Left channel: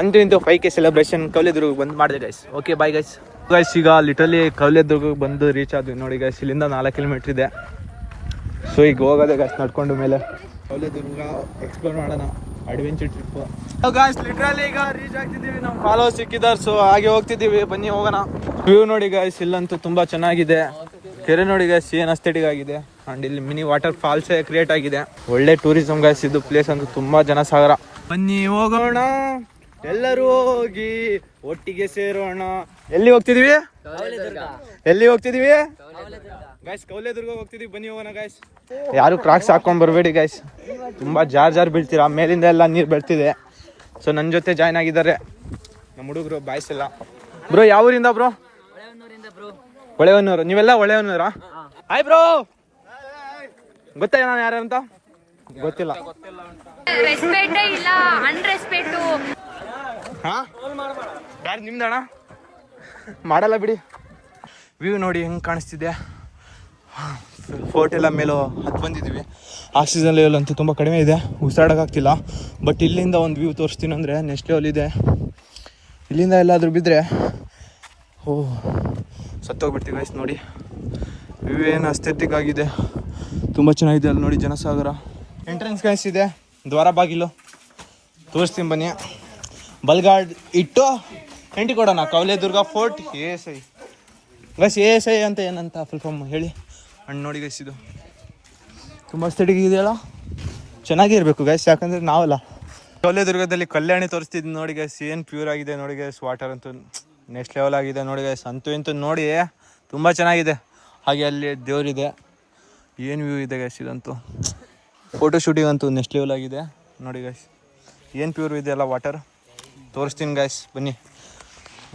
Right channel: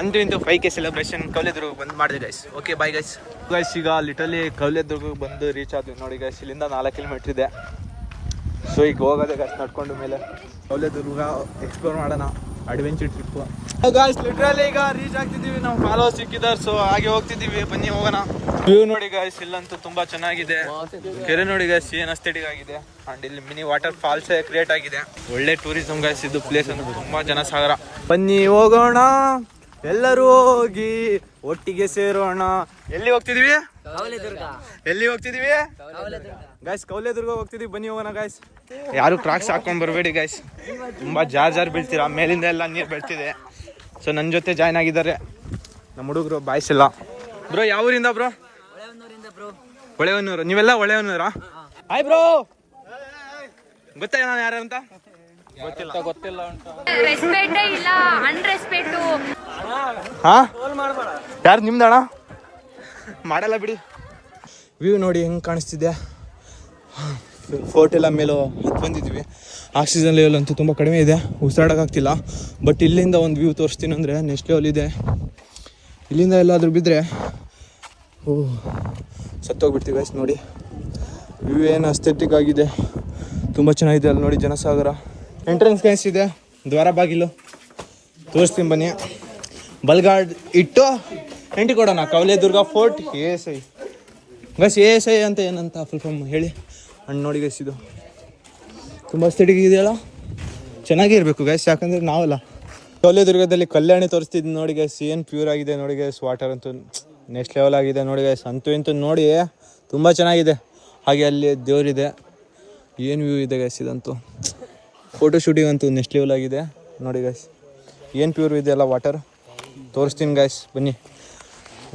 ಅಂತೂ ಇಂತೂ 5K celebration Kavaledurga ಬಂದು ಮಾಡಿದೆ guys. Okay bye guys. Guys ಈಗ ಲಿಟರಲಿ ಕೌಲೇದುರ್ಗಕ್ಕೆ ಬಂದು ರೀಚ್ ಆದ್ವಿ ನೋಡಿ ಗೈಸ್. ಇಲ್ಲಿಂದ 4 ಕಿಲೋಮೀಟರ್ ಇದೆ. ಸೊ ಈಗ ಹೋಗೋದೆ ಗೈಸ್ ನಡ್ಕೊಂಡು ಮೇಲೆ ಕೌಲೇದುರ್ಗ ಎಕ್ಸ್ಪ್ಲೋರ್ ಮಾಡೋಣ, ಅಡ್ವೆಂಚರ್ ಟ್ರಿಪ್. ಗೈಸ್ ಲಿಟರಲಿ ಈಗ ರೀಚ್ ಆಗ್ತಿದ್ದೀವಿ, ನಮ್ಮ ಫಾಲೋವರ್ಸ್ ಸಿಕ್ಕಿದ್ದಾರೆ. ಸೊ ಹಾಗೆ ಹೋಗ್ತಿದ್ದೀವಿ, ಬನ್ನಿ ಹೋಗೋಣ. ವ್ಯೂ ನೋಡಿ ಗೈಸ್, ಇಲ್ಲಂತೂ ತುಂಬಾ ಚೆನ್ನಾಗಿದೆ. ಕೆರೆ ನೋಡಿ ಗೈಸ್ ಏನ್ ಅಸ್ಥೆಟಿಕ್ ಆಗಿದೆ. ಅಂಡ್ ಇಲ್ಲಿ ಮಿನಿ ವಾಟರ್ ಫಾಲ್ಸ್ ಕ್ರಿಯೇಟ್ ಆಗಿದೆ. ಒಳ್ಳೆ ಟೂರಿಸಂ ಗೈಸ್ ಇದು ಪ್ಲೇಸ್ ಅಂತ, ತುಂಬಾ ಜನ ಸಾಗರ. ಬನ್ನಿ ಹೋಗೋಣ, ಎಲ್ಲರೂ ಹೋಗಿ ಒಟ್ಟಿಗೆ ಸೇರೋಣ. ಎಲ್ಲಿ ಹೋಗ್ತಿದೀವಿ? ಎಲ್ಲಿ ಹೋಗ್ತಿದೀವಿ ಗೈಸ್? ಕೌಲೇದುರ್ಗ ಹೋಗ್ತಿದೀವಿ, ಬನ್ನಿ ಹೋಗೋಣ ಗೈಸ್. ಯಾರು ಕ್ರಾಕ್ಸ್ ಹಾಕೊಂಡ್ ಬರ್ಬೇಡಿ ಗೈಸ್, ತುಂಬಾ ಜಾರ್ ಬೀಳ್ತೀರಾ, ಮೇಲಿಂದ ಎಲ್ಲ ನೀರು ಬೀಳ್ತಿದೆ. ಸೊ ನನ್ನ ಜೊತೆ ಜಾಯ್ನ್ ಆಗಿದ್ದಾರೆ ನಮ್ಮ ಹುಡುಗರು, ಬಾಯ್ಸ್ ಇಲ್ಲ. ಬ್ರೋ ಯಾವ ಊರಿಂದ ಬ್ರೋ? ಹೊಳೆಹೊನ್ನೂರು. ನೀವೆಲ್ಲ ಹೊಳೆಹೊನ್ನೂರಾ? ಹಾಯ್ ಬ್ರೋ, ಗೊತ್ತಾ ನಾನು ಯಾರು ಅಂತ? ಗೊತ್ತಿಲ್ಲ. ರೆಸ್ಪೆಕ್ಟೇ ಇಲ್ಲ, ಅನ್ರೆಸ್ಪೆಕ್ಟು. ಹಾ ಯಾರು ನಿಮ್ದಣ್ಣ? ಮಾಡಲ್ಲ ಬಿಡಿ. ವ್ಯೂ ನೋಡಿ ಹೆಂಗೆ ಕಾಣಿಸ್ತಿದೆ. ಫೋರ್ಟ್ ಎಲ್ಲ ಮೇಲೂ ಹತ್ತು ಬಂದಿದ್ದೀವಿ. ಆಕ್ಸಿಜನ್ ಲೆವೆಲ್ ಅಂತೂ ತುಂಬ ಕಡಿಮೆ ಇದೆ, ಉಸಿರಾಡೋಕ್ಕಾಗ್ತಿಲ್ಲ. ಬಟ್ ಇಲ್ಲಿಂದ ಒಂದು ವ್ಯೂ ತೋರಿಸ್ತೀನಿ ಅಂದರೆ ನೆಕ್ಸ್ಟ್ ಲೆವೆಲ್ ಇದೆ. ಇಲ್ಲಿಂದ ಎಲ್ಲಾದರೂ ಬಿದ್ದರೆ ಸತ್ತೋಗ್ಬಿಡ್ತೀವಿ ಗೈಸ್. ನೋಡಿ ವ್ಯೂ ಏನು ಅಸ್ಥೆಟಿಕ್ ಆಗಿದೆ, ತುಂಬ ಚೆನ್ನಾಗಿದೆ. ಅಲ್ಲಿ ನೋಡಿ ಜನಸಾಗರ. ಎಂಟ್ರೆನ್ಸ್ ಗೈಸ್ ಇದೆ, ದ್ವಾರ ಬಾಗಿಲು ತೋರಿಸ್ತೀನಿ ಬನ್ನಿ. ಬಲ್ಗಾರ್ಡ್ ಇಟ್ಟು ಎಂಟ್ರಿ ಕೊಡೋಣ. ಕೌಲೇದುರ್ಗ ಫೋರ್ಟ್ ASI ಗೈಸ್. ASI ಅಂತ ಏನಂತ ಫುಲ್ ಫಾರ್ಮ್ ಹೇಳಿ. ಹಣ್ಣು ನೋಡಿ ಗೈಸ್, ಇದು ತುಂಬ ಅಸ್ಥೆಟಿಕ್ ಇದೆಯಲ್ಲ, ಚೆನ್ನಾಗೇ ಇರಬೇಕು ಗೈಸ್, ಯಾಕಂದರೆ ನಾವಲ್ಲ. ಕೌಲೇದುರ್ಗದಲ್ಲಿ ಕಲ್ಯಾಣಿ ತೋರಿಸ್ತಿದ್ದು ನೋಡಿ ಗೈಸ್, ಏನು ಪ್ಯೂರ್ ಆಗಿದೆ ನೋಡಿ ಗೈಸ್. ವಾಟರ್ ಅಂತೂ ನೆಕ್ಸ್ಟ್ ಲೆವೆಲ್ ಆಗಿದೆ ನೋಡಿ ಗೈಸ್. ಅಂತೂ ಇಂತೂ ನೋಡಿ ತುಂಬ ಚೆನ್ನಾಗಿದೆ. ಹಾಗೆ ಅಲ್ಲಿ ದೇವರಿದೆ, ಏನು ವ್ಯೂ ಇದೆ ಗೈಸ್. ಇದಂತೂ ಫೋಟೋ ಶೂಟಿಂಗ್ ಅಂತೂ ನೆಕ್ಸ್ಟ್ ಲೆವೆಲ್ ಆಗಿದೆ ನೋಡಿ ಗೈಸ್. ಏನು ಪ್ಯೂರ್ ಇದೆಯಲ್ಲ ವಾಟರ್, ತೋರಿಸ್ತೀನಿ ಗೈಸ್ ಬನ್ನಿ.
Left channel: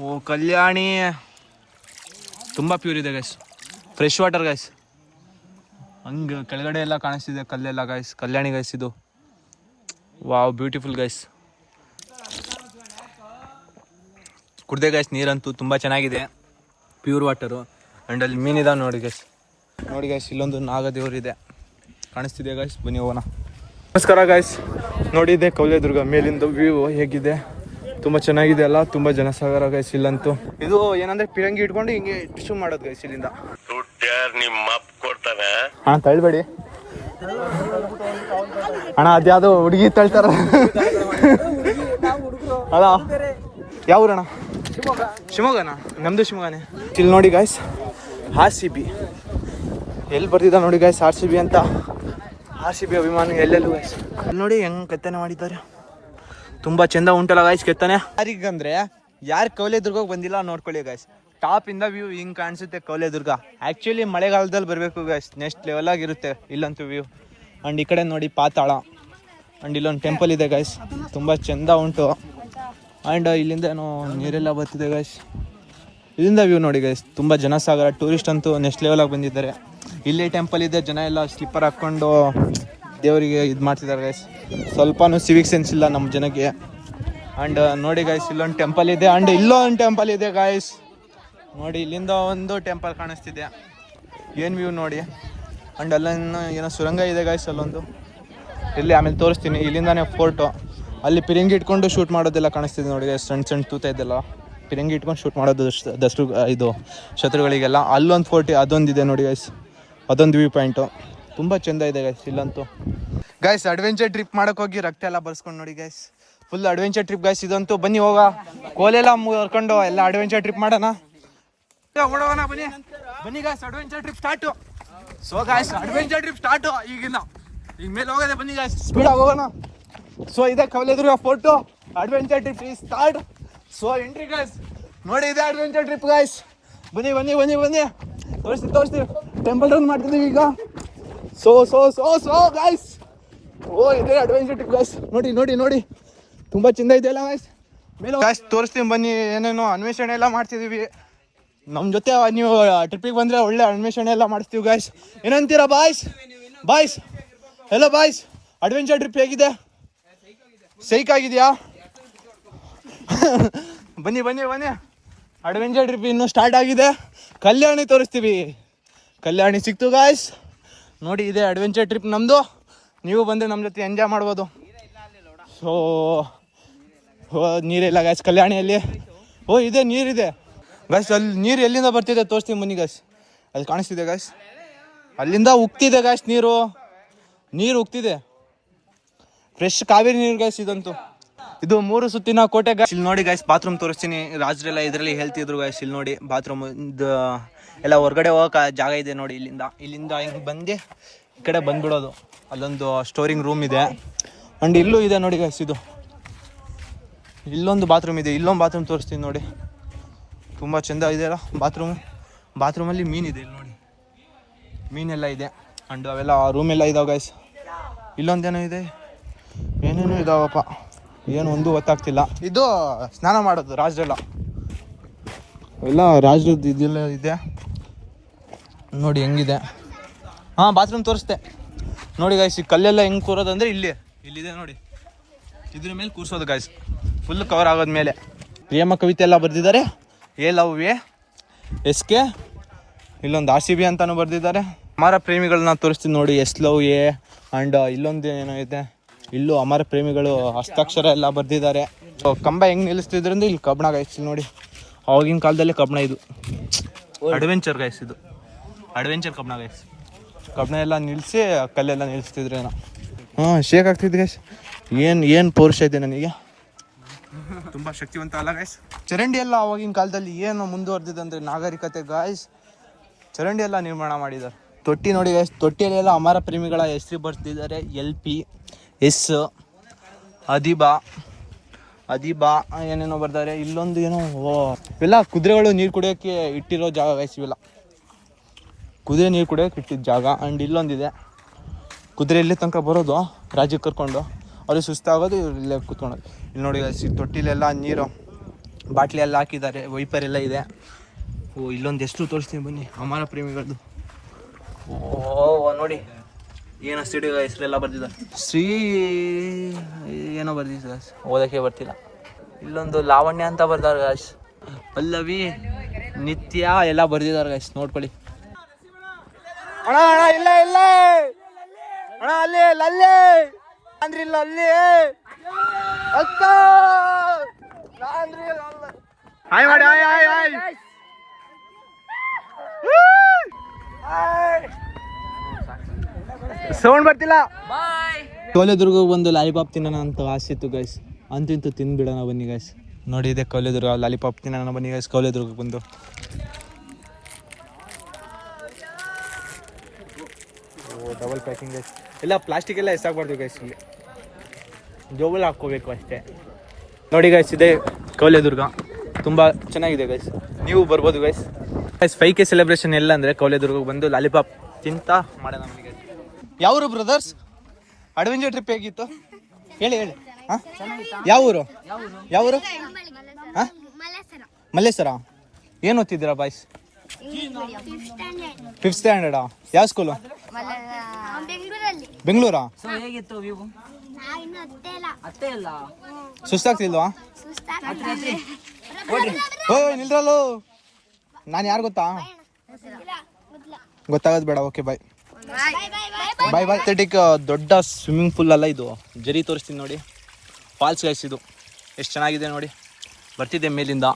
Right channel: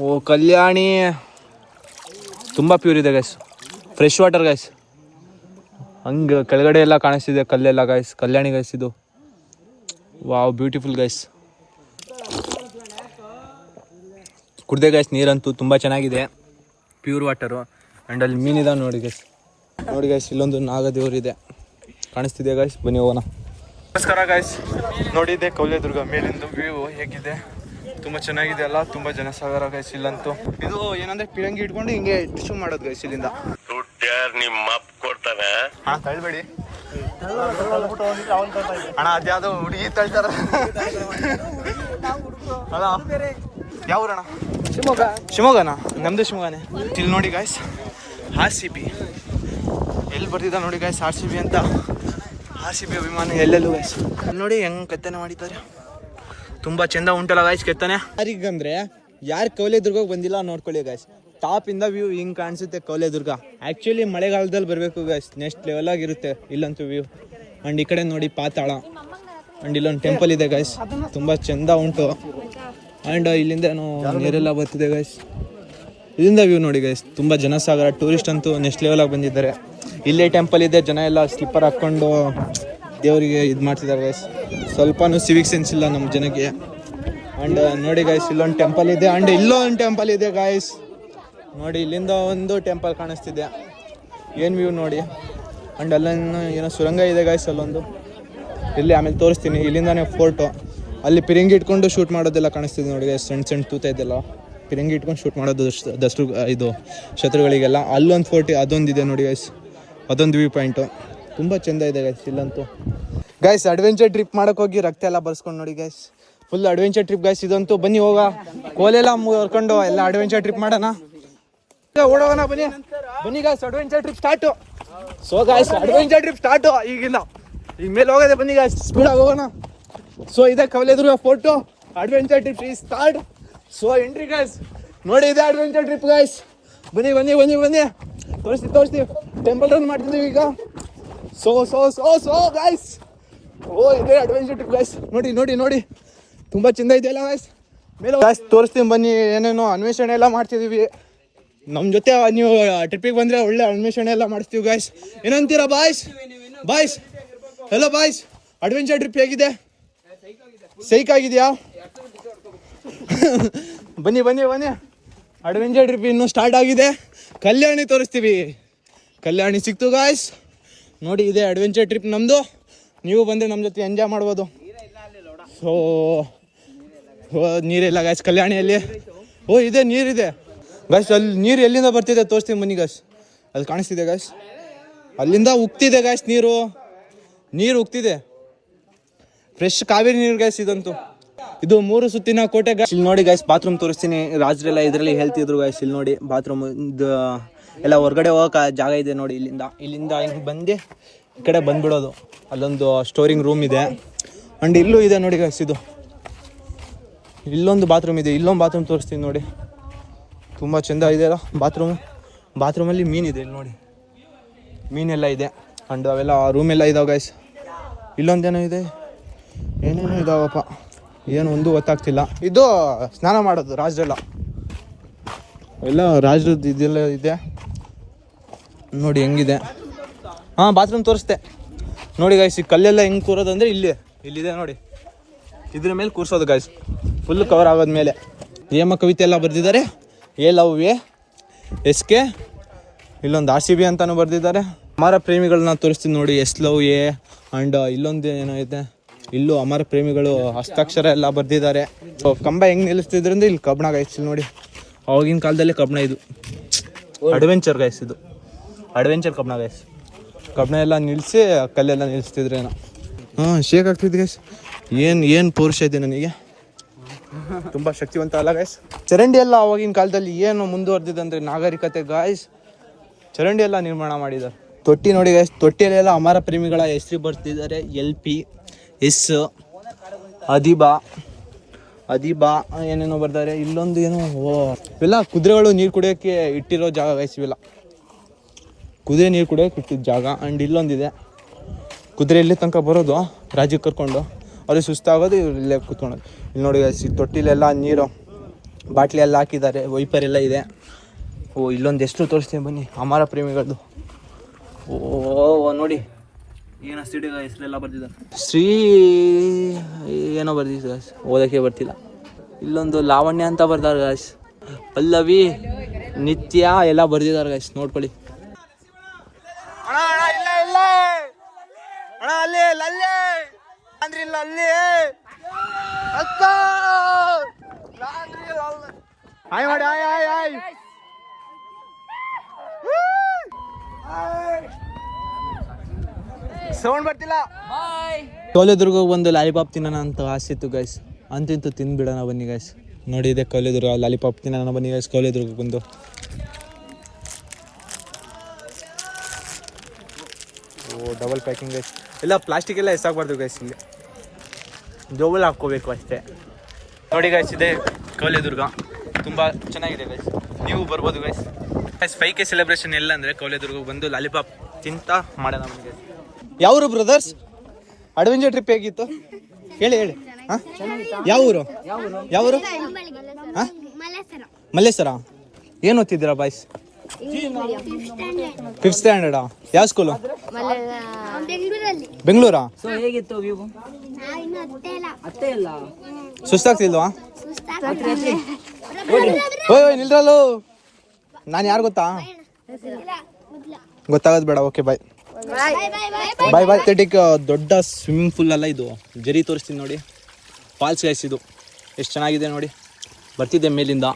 ಓ ಕಲ್ಯಾಣಿ ತುಂಬ ಪ್ಯೂರ್ ಇದೆ ಗೈಸ್, ಫ್ರೆಶ್ ವಾಟರ್ ಗೈಸ್. ಹಂಗೆ ಕೆಳಗಡೆ ಎಲ್ಲ ಕಾಣಿಸ್ತಿದೆ ಕಲ್ಲೆಲ್ಲ ಗೈಸ್. ಕಲ್ಯಾಣಿ ಗೈಸ್ ಇದು. Wow beautiful guys. ಕುಡ್ದೆ ಗೈಸ್, ನೀರಂತೂ ತುಂಬ ಚೆನ್ನಾಗಿದೆ, ಪ್ಯೂರ್ ವಾಟರು. ಆ್ಯಂಡ್ ಅಲ್ಲಿ ಮೀನಿದೆ ನೋಡಿ ಗೈಸ್. ನೋಡಿ ಗೈಸ್, ಇಲ್ಲೊಂದು ನಾಗದೇವರಿದೆ ಕಾಣಿಸ್ತಿದೆ ಗೈಸ್, ಬನ್ನಿ ಹೋಗೋಣ. ನಮಸ್ಕಾರ ಗೈಸ್, ನೋಡಿದ್ದೆ ಕೌಲೇದುರ್ಗ ಮೇಲಿಂದ ವ್ಯೂ ಹೇಗಿದೆ, ತುಂಬ ಚೆನ್ನಾಗಿದೆ ಅಲ್ಲ. ತುಂಬ ಜನಸಾಗರ ಗೈಸ್ ಇಲ್ಲಂತೂ. ಇದು ಏನಂದ್ರೆ ಪಿರಂಗಿ ಇಟ್ಕೊಂಡು ಹಿಂಗೆ ಡಿಶ್ ಮಾಡೋದು ಗೈಸ್ ಇಲ್ಲಿಂದ. ಹಾ ತಳ್ಬೇಡಿ ಅಣ್ಣ, ಅದ್ಯಾವುದು ಹುಡುಗಿ ತಳ್ತಾರ. ಅಲ್ಲ ಯಾವ ಊರಣ್ಣ? ಶಿವಮೊಗ್ಗನಾ? ನಮ್ದು ಶಿವಮೊಗ್ಗನೇ. ಇಲ್ಲಿ ನೋಡಿ ಗಾಯ್ಸ್, RCB ಎಲ್ಲಿ ಬರ್ತಿದ್ದ ನೋಡಿ ಗಾಯ್ಸ್, RCB ಅಂತ. RCB ಅಭಿಮಾನಿ ಎಲ್ಲೆಲ್ಲೂ ಗಾಯ್ಸ್. ನೋಡಿ ಹೆಂಗೆ ಕೆತ್ತನೆ ಮಾಡಿದ್ದಾರೆ, ತುಂಬ ಚೆಂದ ಉಂಟಲ್ಲ ಗಾಯ್ಸ್ ಕೆತ್ತನೆ. ಯಾರಿಗಂದ್ರೆ ಯಾರು ಕೌಲೇದುರ್ಗಕ್ಕೆ ಬಂದಿಲ್ಲ ನೋಡ್ಕೊಳ್ಳಿ ಗಾಯ್ಸ್. ಟಾಪ್ ಇಂದ ವ್ಯೂ ಹಿಂಗೆ ಕಾಣಿಸುತ್ತೆ ಕೌಲೇದುರ್ಗ. ಆ್ಯಕ್ಚುಲಿ ಮಳೆಗಾಲದಲ್ಲಿ ಬರಬೇಕು ಗಾಯ್ಸ್, ನೆಕ್ಸ್ಟ್ ಲೆವೆಲ್ ಆಗಿರುತ್ತೆ ಇಲ್ಲಂತೂ ವ್ಯೂ. ಆ್ಯಂಡ್ ಈ ಕಡೆ ನೋಡಿ ಪಾತಾಳ. ಆ್ಯಂಡ್ ಇಲ್ಲೊಂದು ಟೆಂಪಲ್ ಇದೆ ಗಾಯ್ಸ್, ತುಂಬ ಚೆಂದ ಉಂಟು. ಆ್ಯಂಡ್ ಇಲ್ಲಿಂದ ಏನೋ ನೀರೆಲ್ಲ ಬರ್ತಿದೆ ಗಾಯ್ಸ್. ಇಲ್ಲಿಂದ ವ್ಯೂ ನೋಡಿ ಗೈಸ್, ತುಂಬ ಜನಸಾಗರ. ಟೂರಿಸ್ಟ್ ಅಂತೂ ನೆಕ್ಸ್ಟ್ ಲೆವೆಲಾಗಿ ಬಂದಿದ್ದಾರೆ. ಇಲ್ಲೇ ಟೆಂಪಲ್ ಇದೆ, ಜನ ಎಲ್ಲ ಸ್ಲಿಪ್ಪರ್ ಹಾಕ್ಕೊಂಡು ದೇವರಿಗೆ ಇದು ಮಾಡ್ತಿದ್ದಾರೆ ಗೈಸ್. ಸ್ವಲ್ಪನೂ ಸಿವಿಕ್ ಸೆನ್ಸ್ ಇಲ್ಲ ನಮ್ಮ ಜನಕ್ಕೆ. ಆ್ಯಂಡ್ ನೋಡಿ ಗೈಸ್, ಇಲ್ಲೊಂದು ಟೆಂಪಲ್ ಇದೆ. ಆ್ಯಂಡ್ ಇಲ್ಲೊಂದು ಟೆಂಪಲ್ ಇದೆ ಗೈಸ್. ನೋಡಿ ಇಲ್ಲಿಂದ ಒಂದು ಟೆಂಪಲ್ ಕಾಣಿಸ್ತಿದೆ, ಏನು ವ್ಯೂ ನೋಡಿ. ಆ್ಯಂಡ್ ಅಲ್ಲೊಂದು ಏನೋ ಸುರಂಗ ಇದೆ ಗೈಸ್ ಅಲ್ಲೊಂದು. ಇಲ್ಲಿ ಆಮೇಲೆ ತೋರಿಸ್ತೀನಿ. ಇಲ್ಲಿಂದಾನೇ ಫೋರ್ಟು, ಅಲ್ಲಿ ಪಿರಂಗಿ ಇಟ್ಕೊಂಡು ಶೂಟ್ ಮಾಡೋದೆಲ್ಲ ಕಾಣಿಸ್ತಿದೆ ನೋಡಿ ಗೈಸ್. ಸಣ್ಣ ಸಣ್ಣ ತೂತ ಇದೆಲ್ಲ ಪಿರಂಗಿ ಇಟ್ಕೊಂಡು ಶೂಟ್ ಮಾಡೋದು ದಸರು ಇದು ಶತ್ರುಗಳಿಗೆಲ್ಲ. ಅಲ್ಲೊಂದು ಫೋರ್ಟಿ ಅದೊಂದಿದೆ ನೋಡಿ ಗೈಸ್, ಅದೊಂದು ವ್ಯೂ ಪಾಯಿಂಟು. ತುಂಬ ಚೆಂದ ಇದೆ ಗೈಸ್ ಇಲ್ಲಂತೂ. ಗೈಸ್ ಅಡ್ವೆಂಚರ್ ಟ್ರಿಪ್ ಮಾಡೋಕೆ ಹೋಗಿ ರಕ್ತ ಎಲ್ಲ ಬರ್ಸ್ಕೊಂಡು ನೋಡಿ guys, full adventure trip guys ಇದಂತೂ. ಬನ್ನಿ ಹೋಗ, ಕೋಲೆಲ್ಲ ಮುರ್ಕೊಂಡು ಎಲ್ಲ ಅಡ್ವೆಂಚರ್ ಟ್ರಿಪ್ ಮಾಡೋಣ, ಓಡೋಣ. ಬನ್ನಿ ಬನ್ನಿ guys, adventure trip start. So guys adventure trip start ಈಗಿಂದ. ಈಗ ಮೇಲೆ ಹೋಗೋದೆ, ಬನ್ನಿ ಗೈಸ್ ಸ್ಪೀಡಾಗಿ ಹೋಗೋಣ. ಸೊ ಇದೆ ಕೌಲೇದುರ್ಗ ಫೋರ್ಟು, ಅಡ್ವೆಂಚರ್ ಟ್ರಿಪ್ ಈ ಸ್ಟಾರ್ಟ್. ಸೊ ಎಂಟ್ರಿ ಗೈಸ್, ನೋಡಿ ಇದೆ ಅಡ್ವೆಂಚರ್ ಟ್ರಿಪ್ ಗೈಸ್. ಬನ್ನಿ ಬನ್ನಿ ಬನ್ನಿ ಬನ್ನಿ, ತೋರಿಸ್ತೀವಿ. ಟೆಂಪಲ್ ರನ್ ಮಾಡ್ತಿದ್ದೀವಿ ಈಗ. So so so so guys, ಓ ಇದೆ ಅಡ್ವೆಂಚರ್ ಟ್ರಿಪ್ ಗೈಸ್. ನೋಡಿ ನೋಡಿ ನೋಡಿ, ತುಂಬ ಚೆಂದ ಇದೆಯಲ್ಲ ಗೈಸ್. ಮೇಲೆ ಗೈಸ್ ತೋರಿಸ್ತೀನಿ ಬನ್ನಿ, ಏನೇನೋ ಅನ್ವೇಷಣೆ ಎಲ್ಲ ಮಾಡ್ತಿದ್ದೀವಿ. ನಮ್ಮ ಜೊತೆ ನೀವು ಟ್ರಿಪ್ಪಿಗೆ ಬಂದರೆ ಒಳ್ಳೆ ಅನ್ವೇಷಣೆ ಎಲ್ಲ ಮಾಡಿಸ್ತೀವಿ ಗೈಸ್. ಏನಂತೀರಾ boys? Boys hello boys, adventure trip ಹೇಗಿದೆ? ಸೈಕ್ ಆಗಿದೆಯಾ? ಬನ್ನಿ ಬನ್ನಿ ಬನ್ನಿ, ಅಡ್ವೆಂಚರ್ ಟ್ರಿಪ್ ಇನ್ನೂ ಸ್ಟಾರ್ಟ್ ಆಗಿದೆ. ಕಲ್ಯಾಣಿ ತೋರಿಸ್ತೀವಿ. ಕಲ್ಯಾಣಿ ಸಿಕ್ತು ಗಾಯ್ಸ್. ನೋಡಿ ಇದೆ ಅಡ್ವೆಂಚರ್ ಟ್ರಿಪ್ ನಮ್ಮದು. ನೀವು ಬಂದರೆ ನಮ್ಮ ಜೊತೆ ಎಂಜಾಯ್ ಮಾಡ್ಬೋದು. ಸೊ ನೀರಿಲ್ಲ ಗಾಯ್ಸ್ ಕಲ್ಯಾಣಿಯಲ್ಲಿ. ಓ ಇದೆ ನೀರಿದೆ ಗಾಯ್ಸ್. ಅಲ್ಲಿ ನೀರು ಎಲ್ಲಿಂದ ಬರ್ತಿದೆ ತೋರಿಸ್ತೀನಿ ಬನ್ನಿ ಗಾಯ್ಸ್. ಅಲ್ಲಿ ಕಾಣಿಸ್ತಿದೆ ಗಾಯ್ಸ್, ಅಲ್ಲಿಂದ ಉಗ್ತಿದೆ ಗಾಯ್ಸ್. ನೀರು ಉಗ್ತಿದೆ, ಫ್ರೆಶ್ ಕಾವೇರಿ ನೀರು ಗಾಯ್ಸ್ ಇದಂತೂ. ಇದು 3 ಸುತ್ತಿನ ಕೋಟೆ ಗಾಯ್ಸ್. ಇಲ್ಲಿ ನೋಡಿ ಗಾಯ್ಸ್, ಬಾತ್ರೂಮ್ ತೋರಿಸ್ತೀನಿ. ರಾಜರೆಲ್ಲ ಇದರಲ್ಲಿ ಹೇಳ್ತಿದ್ರು ಗಾಯ್ಸ್. ಇಲ್ಲಿ ನೋಡಿ ಬಾತ್ರೂಮ್ ಎಲ್ಲ ಹೊರಗಡೆ ಹೋಗಕ್ಕೆ ಜಾಗ ಇದೆ ನೋಡಿ. ಇಲ್ಲಿಂದ ಹಿಂಗೆ ಬಂದು ಈ ಕಡೆ ಬಂದ್ಬಿಡೋದು. ಅಲ್ಲೊಂದು ಸ್ಟೋರಿಂಗ್ ರೂಮ್ ಇದೆ. ಆ್ಯಂಡ್ ಇಲ್ಲೂ ಇದೆ ನೋಡಿ ಗಾಯ್ಸ್. ಇಲ್ಲೊಂದು ಬಾತ್ರೂಮ್ ಇದೆ. ಇಲ್ಲೊಂದು ಬಾತ್ರೂಮ್ ತೋರಿಸ್ತೀನಿ ನೋಡಿ, ತುಂಬ ಚೆಂದ ಇದೆಯಲ್ಲ ಬಾತ್ರೂಮಲ್ಲಿ ಮೀನಿದೆ. ಇಲ್ಲಿ ನೋಡಿ ಮೀನೆಲ್ಲ ಇದೆ. ಆ್ಯಂಡ್ ಅವೆಲ್ಲ ರೂಮೆಲ್ಲ ಇದಾವೆ ಗಾಯ್ಸ್. ಇಲ್ಲೊಂದೇನೋ ಇದೆ, ಏನೇನೋ ಇದಾವಪ್ಪ, ಏನು ಒಂದು ಗೊತ್ತಾಗ್ತಿಲ್ಲ. ಇದು ಸ್ನಾನ ಮಾಡೋದು ರಾಜರೆಲ್ಲ, ಎಲ್ಲ ರಾಜರದ್ದು ಇದೆಲ್ಲ ಇದೆ ನೋಡಿ ಹೆಂಗಿದೆ. ಹಾಂ ಬಾತ್ರೂಮ್ ತೋರಿಸ್ದೆ ನೋಡಿ ಗಾಯ್ಸ್. ಈ ಕಲ್ಲೆಲ್ಲ ಹೆಂಗೆ ಕೂರೋದಂದರೆ ಇಲ್ಲಿದೆ ನೋಡಿ, ಇದ್ರ ಮೇಲೆ ಕೂರಿಸೋದು ಗಾಯ್ಸ್. ಫುಲ್ ಕವರ್ ಆಗೋದ್ಮೇಲೆ ಪ್ರೇಮ ಕವಿತೆ ಎಲ್ಲ ಬರೆದಿದ್ದಾರೆ. A love A S K, ಇಲ್ಲೊಂದು RCB ಅಂತಾನು ಬರೆದಿದ್ದಾರೆ. ಅಮರ ಪ್ರೇಮಿಗಳನ್ನ ತೋರಿಸ್ತೀನಿ ನೋಡಿ, ಎಸ್ ಲವ್ ಎ. ಆ್ಯಂಡ್ ಇಲ್ಲೊಂದು ಏನೋ ಇದೆ, ಇಲ್ಲೂ ಅಮರ ಪ್ರೇಮಿಗಳು ಹಸ್ತಾಕ್ಷರ ಎಲ್ಲ ಬರೆದಿದ್ದಾರೆ. ಕಂಬ ಹೆಂಗೆ ನಿಲ್ಲಿಸ್ತಿದ್ರು ಅಂದರೆ ಇಲ್ಲಿ ಕಬ್ಬಣ ಗಾಯ್ಸ್. ಇಲ್ಲಿ ನೋಡಿ ಆವಾಗಿನ ಕಾಲದಲ್ಲಿ ಕಬ್ಬಣ, ಇದು ಅಡ್ವೆಂಚರ್ ಗಾಯ್ಸ್. ಇದು ಅಡ್ವೆಂಚರ್ ಕಬ್ಬಣ ಗಾಯ್ಸ್. ಕಬ್ಬಣ ಎಲ್ಲ ನಿಲ್ಲಿಸಿ ಕಲ್ಲೆಲ್ಲ ನಿಲ್ಲಿಸ್ತಿದ್ರೇನೋ. Shake ಆಗ್ತಿದ್ದು guys. ಏನು ಪೌರುಷ ಇದೆ ನನಗೆ, ತುಂಬ ಶಕ್ತಿವಂತ ಅಲ್ಲ ಗಾಯ್ಸ್. ಚರಂಡಿ ಎಲ್ಲ ಆವಾಗಿನ ಕಾಲದಲ್ಲಿ ಏನು ಮುಂದುವರೆದಿದೆ ಅಂದರೆ ನಾಗರಿಕತೆ ಗಾಯ್ಸ್. ಚರಂಡಿ ಎಲ್ಲ ನಿರ್ಮಾಣ ಮಾಡಿದ್ದಾರೆ. ತೊಟ್ಟಿ ನೋಡಿ ಗಾಯ್ಸ್, ತೊಟ್ಟಿಯಲ್ಲೆಲ್ಲ ಅಮರ ಪ್ರೇಮಿಗಳ ಹೆಸರು ಬರ್ತಿದ್ದಾರೆ. LP S ಅದಿಬಾ ಏನೇನೋ ಬರ್ತಾರೆ. ಇಲ್ಲೊಂದು ಏನೋ ಇವೆಲ್ಲ ಕುದುರೆಗಳು ನೀರು ಕುಡಿಯೋಕ್ಕೆ ಇಟ್ಟಿರೋ ಜಾಗ ಗಾಯ್ಸ್. ಇವೆಲ್ಲ ಕುದುರೆ ನೀರು ಕುಡಿಯೋಕೆ ಇಟ್ಟಿದ್ದ ಜಾಗ. ಆ್ಯಂಡ್ ಇಲ್ಲೊಂದಿದೆ, ಕುದುರೆ ಇಲ್ಲಿ ತನಕ ಬರೋದು ರಾಜ್ಯಕ್ಕೆ ಕರ್ಕೊಂಡು, ಅವ್ರಿಗೆ ಸುಸ್ತಾಗೋದು, ಇವ್ರು ಇಲ್ಲೇ ಕೂತ್ಕೊಳ್ಳೋದು. ಇಲ್ಲಿ ನೋಡಿ ಗಾಯ್ಸ್, ತೊಟ್ಟಿಲೆಲ್ಲ ನೀರು ಬಾಟ್ಲಿ ಎಲ್ಲ ಹಾಕಿದ್ದಾರೆ, ವೈಪರ್ ಎಲ್ಲ ಇದೆ. ಇಲ್ಲೊಂದು ಎಷ್ಟು ತೋರಿಸ್ತೀನಿ ಬನ್ನಿ, ಅಮರ ಪ್ರೇಮಿಗಳದ್ದು. ನೋಡಿ ಏನೋ ಸಿಡಿ ಹೆಸರೆಲ್ಲ ಬರ್ತಿದ್ದಾರೆ. ಶ್ರೀ ಏನೋ ಬರ್ತಿದೆ ಗಾಯ್ಸ್, ಓದೋಕ್ಕೆ ಬರ್ತಿಲ್ಲ. ಇಲ್ಲೊಂದು ಲಾವಣ್ಯ ಅಂತ ಬರ್ತಾರೆ ಗಾಯ್ಸ್, ಪಲ್ಲವಿ, ನಿತ್ಯ ಎಲ್ಲ ಬರ್ದಿದ್ದಾರೆ ಗಾಯ್ಸ್, ನೋಡ್ಕೊಳ್ಳಿ. ಹಾಯ್ ಮಾಡಿ, ಹಾಯ್ ಸೌಂಡ್ ಬರ್ತಿಲ್ಲ. ಕೌಲೆದುರ್ಗಕ್ಕೆ ಬಂದು ಲಾಲಿಪಾಪ್ ತಿನ್ನೋಣ ಅಂತ ಆಸೆ ಇತ್ತು ಗೈಸ್. ಅಂತಿಂತೂ ತಿಂದ್ಬಿಡೋಣ ಬನ್ನಿ ಗೈಸ್. ನೋಡಿ ಇದೆ ಕೌಲೆದುರ್ಗ, ಲಾಲಿಪಾಪ್ ತಿನ್ನೋಣ ಬನ್ನಿ ಗೈಸ್. ಕೌಲೆದುರ್ಗಕ್ಕೆ ಬಂದು ಡಬಲ್ ಪ್ಯಾಕಿಂಗ್ ಗೈಸ್. ಎಲ್ಲ ಪ್ಲಾಸ್ಟಿಕ್ ಎಲ್ಲ ಎಸಾಗಬಾರ್ದು ಗೈಸ್, ಇಲ್ಲಿ ಜೋಬಲ್ ಹಾಕ್ಕೋಬೇಕು ಅಷ್ಟೇ. ನೋಡಿ ಗೈಸ್, ಇದೆ ಕೌಲೆದುರ್ಗ, ತುಂಬ ಚೆನ್ನಾಗಿದೆ ಗೈಸ್, ನೀವು ಬರ್ಬೋದು ಗೈಸ್. 5K ಸೆಲೆಬ್ರೇಷನ್ ಎಲ್ಲ ಅಂದರೆ ಕೌಲೆದುರ್ಗಕ್ಕೆ ಬಂದು ಲಾಲಿಪಾಪ್ ತಿಂತ ಮಾಡೋಣ ಬನ್ನಿ ಗೈಸ್. ಯಾವರು ಬ್ರದರ್ಸ್? ಅಡ್ವೆಂಚರ್ ಟ್ರಿಪ್ ಹೇಗಿತ್ತು ಹೇಳಿ. ಹಾಂ, ಯಾವ ಊರು? ಹಾಂ, ಮಲ್ಲೇಶ್ವರ. ಏನು ಓದ್ತಿದ್ದೀರಾ ಬಾಯ್ಸ್? 5th ಸ್ಟ್ಯಾಂಡರ್ಡಾ? ಯಾವ ಸ್ಕೂಲು? ಬೆಂಗಳೂರಾ? ಸುಸ್ತಾಗ್ತಿಲ್ವಾ? ಓಯ್ ನಿಲ್ರಲ್ಲೂ, ನಾನು ಯಾರು ಗೊತ್ತಾ? ಗೊತ್ತಾಗೋದು ಬೇಡ. ಓಕೆ ಬಾಯ್ ಬಾಯ್ ಬಾಯ್. ಅತ್ಲೆಟಿಕ್ ದೊಡ್ಡ ಸ್ವಿಮ್ಮಿಂಗ್ ಪೂಲ್ ಅಲ್ಲ ಇದು, ಜರಿ ತೋರಿಸ್ತೀನಿ ನೋಡಿ. ಫಾಲ್ಸ್ ಗೈಸ್, ಇದು ಎಷ್ಟು ಚೆನ್ನಾಗಿದೆ ನೋಡಿ. ಬರ್ತಿದ್ದೆ ಮೇಲಿಂದ,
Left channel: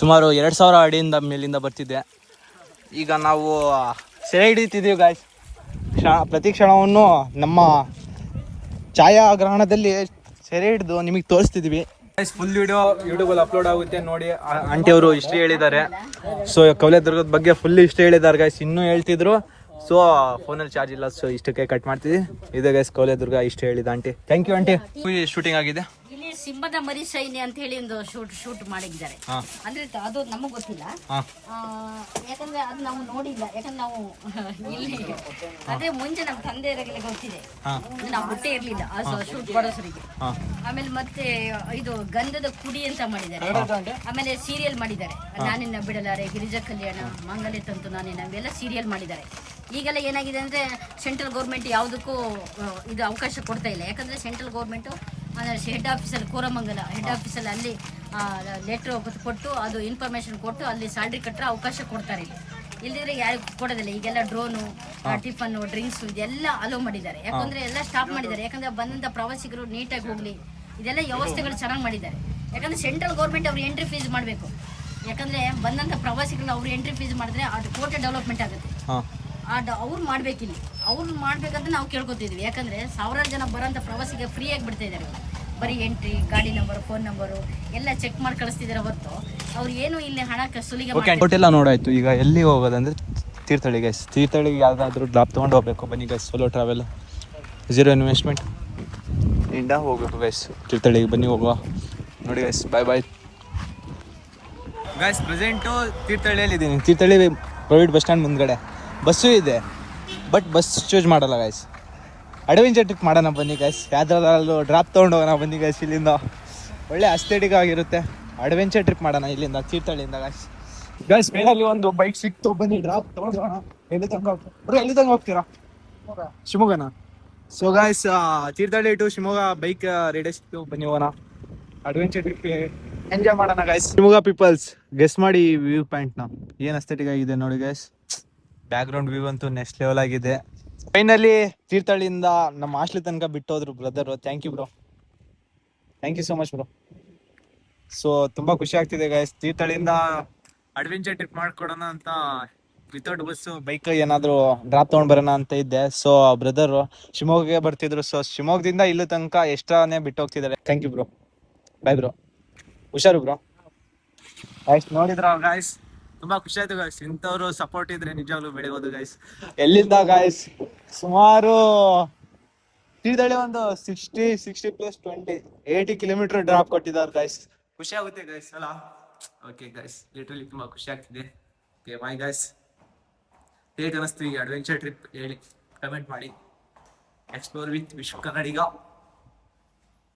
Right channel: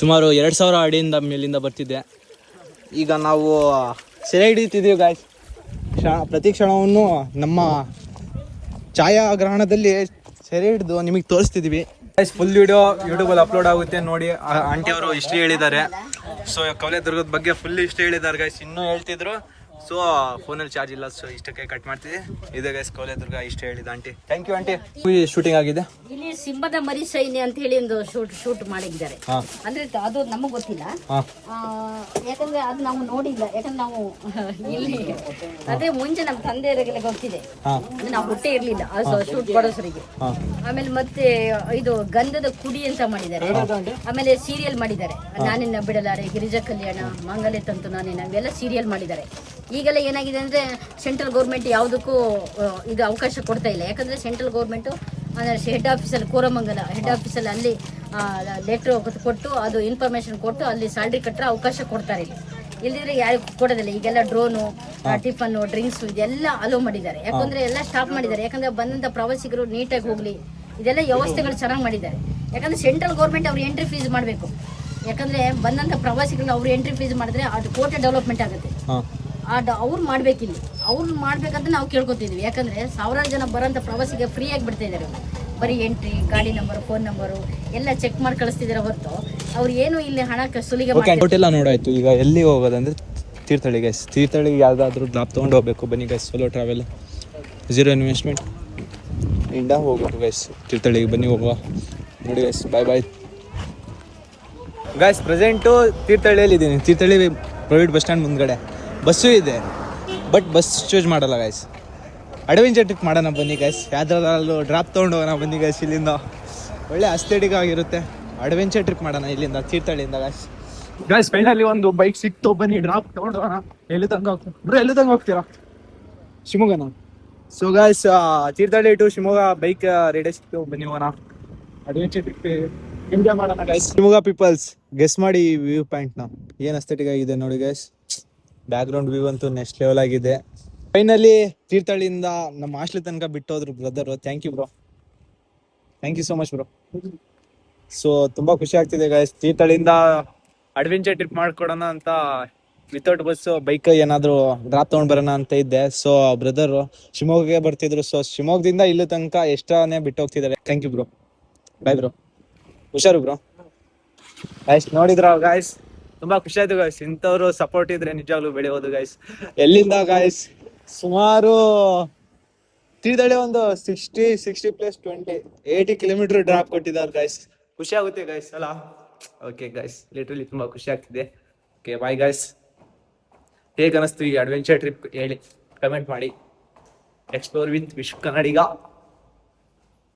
ಸುಮಾರು 2000 ಅಡಿಯಿಂದ ಮೇಲಿಂದ ಬರ್ತಿದ್ದೆ. ಈಗ ನಾವು ಸೆರೆ ಹಿಡಿತಿದ್ದೀವಿ ಗಾಯ್ಸ್. ಪ್ರತಿ ಕ್ಷಣವನ್ನು ನಮ್ಮ ಛಾಯಾಗ್ರಹಣದಲ್ಲಿ ಸೆರೆ ಹಿಡಿದು ನಿಮಗೆ ತೋರಿಸ್ತಿದ್ದೀವಿ ಗೈಸ್. ಫುಲ್ ವಿಡಿಯೋ ಯೂಟ್ಯೂಬಲ್ಲಿ ಅಪ್ಲೋಡ್ ಆಗುತ್ತೆ ನೋಡಿ. ಆಂಟಿ ಅವರು ಹಿಸ್ಟ್ರಿ ಹೇಳಿದ್ದಾರೆ. ಸೊ ಕೌಲೆದುರ್ಗದ ಬಗ್ಗೆ ಫುಲ್ ಹಿಸ್ಟ್ರಿ ಹೇಳಿದ್ದಾರೆ ಗೈಸ್. ಇನ್ನೂ ಹೇಳ್ತಿದ್ರು. ಸೊ ಫೋನಲ್ಲಿ ಚಾರ್ಜ್ ಇಲ್ಲ, ಸೊ ಇಷ್ಟಕ್ಕೆ ಕಟ್ ಮಾಡ್ತೀವಿ. ಇದೆ ಗೈಸ್ ಕೌಲೆದುರ್ಗ, ಇಷ್ಟು ಹೇಳಿದ aunty. Thank you aunty. Shooting ಆಗಿದೆ ಇಲ್ಲಿ. ಸಿಂಹದ ಮರಿ ಸೈನ್ಯ ಅಂತ ಹೇಳಿ ಒಂದು ಶೂಟ್ ಮಾಡಿದ್ದಾರೆ. ಅಂದ್ರೆ ಅದು ನಮಗ್ ಗೊತ್ತಿಲ್ಲ, ಯಾಕಂದ್ರೆ ಅದು ನಾವು ನೋಡಿಲ್ಲ. ಯಾಕಂದ್ರೆ ನಾವು ಇಲ್ಲಿ ಅದೇ ಮುಂಚೆ ನಮ್ಮ ತಂದೆಯವರಿಗೆಲ್ಲ ಗೊತ್ತಿದೆ, ನಾವು ಹುಟ್ಟೆ ಇರ್ಲಿಲ್ಲ ಶೂಟ್ ಮಾಡೋಸರಿಗೆ. ಆಮೇಲೆ ಮತ್ತೆ ಇದು ಗಂಧದ ಕುಡಿ ಅಂತ ಮಾಡಿದ್ದಾರೆ. ಆಮೇಲೆ ಸೀರಿಯಲ್ ಮಾಡಿದ್ದಾರೆ, ನಾನಿನ್ನ ಬಿಡಲಾರೆ, ಗಿರಿಜಾ ಕಲ್ಯಾಣ, ಮಾಂಗಲ್ಯ ತಂತು ನಾನಿನ್ನ, ಇವೆಲ್ಲ ಸೀರಿಯಲ್ ಮಾಡಿದ್ದಾರೆ. ಈಗೆಲ್ಲ ಏನಾಗಿದೆ ಅಂದರೆ ಸೆಂಟ್ರಲ್ ಗೌರ್ಮೆಂಟ್ ಯಾವುದಕ್ಕೂ ಇದು ಅವಕಾಶ ಕೊಡ್ತಾ ಇಲ್ಲ. ಯಾಕಂದರೆ ಸೆಂಟ್ರಲ್ ಗೌರ್ಮೆಂಟು ಅಂದರೆ ಹೆಡ್ ಆಫೀಸಲ್ಲಿ, ಕೋರಮಂಗಲ ಹೆಡ್ ಆಫೀಸಲ್ಲಿ ಅಲ್ಲಿ ಲೆಟ್ರ್ ಕೊಟ್ಟು ಅದು ಇನ್ಫಾರ್ಮೇಷನ್ ಕೊಟ್ಟು ಅಲ್ಲಿ ಸ್ಯಾಲ್ರಿ ಕಟ್ಟರೆ ಅವಕಾಶ ಕೊಡ್ತಾರೆ. ಇಲ್ಲದಿದ್ರೆ ಯಾರಿಗೂ ಕೊಡೋದಿಲ್ಲ. ಈಗೆಲ್ಲ ಡ್ರೋನು, ಟಿಫನ್ನು, ಡ್ರಿಂಕ್ಸು ಇದೆಲ್ಲ ಅಲೋ ಮಾಡಿದ್ದಾರೆ. ಯಾಕಂದರೆ ಎಲ್ಲ ಸ್ಟಾಪ್ ಮಾಡಿದ್ದಾರೆ. ಯಾಕಂದರೆ ಬಂದಂಥ ಪ್ರವಾಸಿಗರು ನೀಟಾಗಿ ಹೋಗಲಿ, ಇದೆಲ್ಲ ವ್ಯವಸ್ಥೆಗಳು ಚೆನ್ನಾಗಿ ಮಾಡಿದ್ದಾರೆ. ಯಾಕಂದ್ರೆ ಸೆಂಟ್ರಲ್ ಗೌರ್ಮೆಂಟ್ ಅವ್ರು ಎಂಟ್ರಿ ಫೀಸ್ ಮಾಡಬೇಕು. ಯಾಕಂದ್ರೆ ಬಂದಂತ ಪ್ರವಾಸಿಗಳನ್ನ ಅವ್ರು ಎಂಟ್ರಿ ಫೀಸ್ ಮಾಡಿದ್ರೆ ಅದು ಕೋಟೆ ಡೆವಲಪ್ಮೆಂಟ್ ಆಗುತ್ತೆ. ಅವ್ರು ಮಾಡ್ಬೇಕಿಲ್ಲಿ, ಅವ್ರು ಮಾಡ್ಬೇಕಂತ ನಾವು ಕೇಳ್ಕೊತಿದ್ವಿ. ಯಾಕಂದ್ರೆ ಸಾವಿರಾರು ಜನ ಬರೋಂಥ ಪ್ರವಾಸಿಗೆ ಫ್ರೀ ಆಗಿ ಬಿಡ್ತಾ ಇದ್ದಾರೆ. ಬರೀ ಎಂಟ್ರಿ, ಗಾಡಿ ನಂಬರ್, ಫೋನ್ ನಂಬರು ಎಲ್ಲ ಚೆಕ್ ಮಾಡಿ ಕಳಿಸ್ತಿದ್ದಾರೆ ಹೊರತು ಅವ್ರು ಏನು ಇಲ್ಲಿ ಹಣ ಸುಲಿಗೆ ಹೋಟೆಲ್ಲ ನೋಡಾಯ್ತು. ಈಗ ಎಲ್ಲಿ ಹೋಗೋದಂದ್ರೆ ತೀರ್ಥಹಳ್ಳಿ ಗೈಸ್. ತೀರ್ಥಹಳ್ಳಿಗೆ ಯಾವುದಾದ್ರೂ ಡ್ರಾಪ್ ತೊಗೊಂಡು ಹೋಗ್ಬೇಕು. ಬನ್ನಿ ಗೈಸ್, ಸೋಲೋ ಟ್ರಾವೆಲ್, 0 ಇನ್ವೆಸ್ಟ್ಮೆಂಟ್ ಇಂದ ಹೋಗ್ಬೇಕು ಗೈಸ್. ತೀರ್ಥಹಳ್ಳಿಗೆ ಬನ್ನಿ, ಹೋಗುವ. ನೋಡಿ ಗೈಸ್, ಬಾಯ್ ಗೈಸ್. ಪ್ರೆಸೆಂಟು ತೀರ್ಥಹಳ್ಳಿಯಲ್ಲಿ ಇದ್ದೀನಿ. ತೀರ್ಥಹಳ್ಳಿ ಪ್ರೈವೇಟ್ ಬಸ್ ಸ್ಟ್ಯಾಂಡ್ ಮುಂದ್ಗಡೆ ಬಸ್ಸು ಇದೆ, ಬಟ್ ಬಸ್ ಚೂಸ್ ಮಾಡಲ್ಲ ಗೈಸ್. ಅಡ್ವೆಂಚರ್ ಟ್ರಿಪ್ ಮಾಡೋಣ ಬನ್ನಿ ಗೈಸ್. ಯಾವ್ದಾದ್ರು ಡ್ರಾಪ್ ತೊಗೊಂಡು ಹೋಗೋಣ ಬನ್ನಿ ಗೈಸ್. ಇಲ್ಲಿಂದ ಒಳ್ಳೆ ಅಸ್ಥೆಟಿಕ್ ಆಗಿರುತ್ತೆ. ಅಡ್ವೆಂಚರ್ ಟ್ರಿಪ್ ಮಾಡೋಣ ಇಲ್ಲಿಂದ, ತೀರ್ಥಹಳ್ಳಿಯಿಂದ ಗೈಸ್. ಫೈನಲಿ ಒಂದು ಬೈಕ್ ಸಿಕ್ತು, ಬನ್ನಿ ಡ್ರಾಪ್ ತೊಗೊಂಡು ಹೋಗೋಣ. ಎಲ್ಲಿ ತನಕ ಹೋಗ್ತೀರಾ? ಶಿವಮೊಗ್ಗನ. So guys, Thirthahalli to Shivamogga bike ರೇಡಿಯೋ ಸಿಕ್ತು, ಬನ್ನಿ ಹೋಗೋಣ. ಅಡ್ವೆಂಚರ್ ಟ್ರಿಪ್ ಎಂಜಾಯ್ ಮಾಡೋಣ ಗೈಸ್. ಶಿವಮೊಗ್ಗ ಪೀಪಲ್ಸ್, ಗೆಸ್ ಮಾಡಿ ವ್ಯೂ ಪಾಯಿಂಟ್ನ ಏನು ಅಸ್ಥೆಟಿಕ್ ಆಗಿದೆ ನೋಡಿ ಗೈಸ್. ಬ್ಯಾಕ್ ಗ್ರೌಂಡ್ ವ್ಯೂ ಅಂತೂ ನೆಕ್ಸ್ಟ್ ಲೆವೆಲ್ ಆಗಿದೆ. ಫೈನಲಿ ತೀರ್ಥಹಳ್ಳಿಯಿಂದ ನಮ್ಮ ಹಾಸ್ಟೆಲ್ ತನಕ ಬಿಟ್ಟೋದ್ರು brother. Thank you bro, thank you so much bro. So ತುಂಬಾ ಖುಷಿ ಆಗ್ತಿದೆ ಗೈಸ್. ತೀರ್ಥಹಳ್ಳಿಯಿಂದ ಅಡ್ವೆಂಚರ್ ಟ್ರಿಪ್ ಮಾಡ್ಕೊಡೋಣ ಅಂತ ವಿತೌಟ್ ಬಸ್ ಬೈಕ್ ಏನಾದ್ರು ಡ್ರಾಪ್ ತೊಗೊಂಡ್ ಬರೋಣ ಅಂತ ಇದ್ದೆ. ಸೊ ಬ್ರದರ್ ಶಿವಮೊಗ್ಗಕ್ಕೆ ಬರ್ತಿದ್ರು. ಸೊ ಶಿವಮೊಗ್ಗದಿಂದ ಇಲ್ಲೂ ತನಕ ಎಷ್ಟಾನೇ ಬಿಟ್ಟು ಹೋಗ್ತಿದ್ದಾರೆ. Thank you bro, bye bro, ಹುಷಾರು ಬ್ರೋ. ಗೈಸ್ ನೋಡಿದ್ರ ಗೈಸ್, ತುಂಬಾ ಖುಷಿ ಆಯ್ತು ಗೈಸ್. ಇಂಥವ್ರು ಸಪೋರ್ಟ್ ಇದ್ರೆ ನಿಜವಾಗ್ಲೂ ಬೆಳೆಯೋದು ಗೈಸ್. ಎಲ್ಲಿಂದ ಗೈಸ್ ಸುಮಾರು ತೀರ್ಥಹಳ್ಳಿ ಒಂದು 60 ಪ್ಲಸ್ 80 ಕಿಲೋಮೀಟರ್ ಡ್ರಾಪ್ ಕೊಟ್ಟಿದ್ದಾರೆ ಗೈಸ್. ಖುಷಿ ಆಗುತ್ತೆ ಗೈಸ್ ಅಲ್ಲ? ಓಕೆ ಗೈಸ್, ಲಿಟ್ರಲಿ ತುಂಬಾ ಖುಷಿ ಆಗ್ತಿದೆ. Okay bye guys. ಹೇಗೆ ಅನಿಸ್ತು ಈ ಅಡ್ವೆಂಚರ್ ಟ್ರಿಪ್ ಹೇಳಿ, ಕಮೆಂಟ್ ಮಾಡಿ. Explore with Vishwa Kannadiga.